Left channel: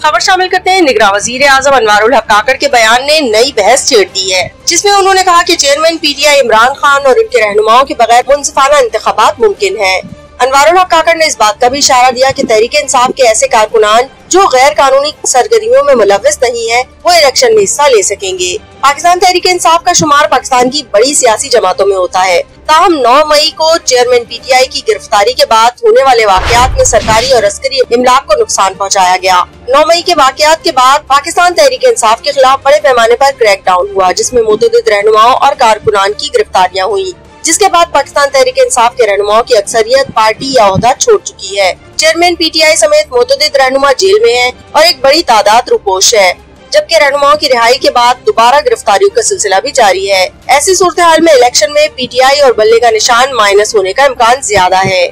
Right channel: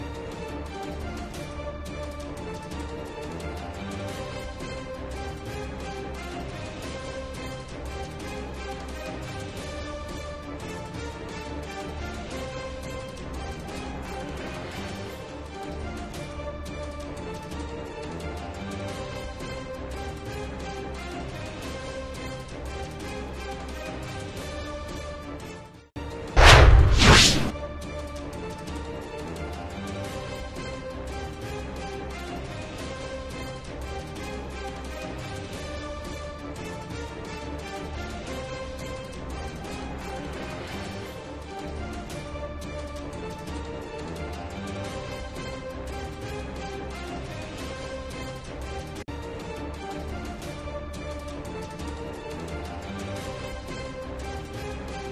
खबर शामिल करते हैं। निगरान वजीर आजम अनवारुल हक काकड़ के बयान ने नई बहस छेड़ दी है, जिसमें उन्होंने कहा कि चेयरमैन पीटीआई इमरान खान और उनके रहनुमाओं के बगैर मुनसिफाना इंतखाबात मुमकिन है। अनवारुल हक काकड़ ने इस बात का भी इशारा दिया कि तहरीक इंसाफ के ऐसे कारकुनान जो गैर कानूनी सरगर्मियों में मुलव्वस नहीं है, वो इलेक्शन में हिस्सा ले सकेंगे। पाकिस्तान तहरीक इंसाफ का शुमार पाकिस्तान की बड़ी सियासी जमातों में होता है। ताहम 9 मई को चेयरमैन पीटीआई की गिरफ्तारी के बाद होने वाले वाकयात में सरकारी और अस्करी इमलाक को नुकसान पहुँचाया गया। 9 मई के वाकयात के बाद पाकिस्तान तहरीक इंसाफ के खिलाफ बड़े पैमाने पर क्रैकडाउन हुआ, जिसमें मुतअद्दिद रहनुमाओं और कारकुनान की गिरफ्तारियाँ हुई, जिसके बाद पाकिस्तान तहरीक इंसाफ के रहनुमाओं की अक्सरियत पार्टी या ओहदा छोड़ चुकी है। चेयरमैन पीटीआई समेत मुतअद्दिद रहनुमा जेल में हैं और एक बड़ी तादाद रुपोश है, जबकि रहनुमाओं की रिहाई के बाद दोबारा गिरफ्तारियों का सिलसिला भी जारी है। ऐसी सूरत हाल में इलेक्शन में पीटीआई और बल्ले का निशान माइनस होने का इम्कान ज्यादा है।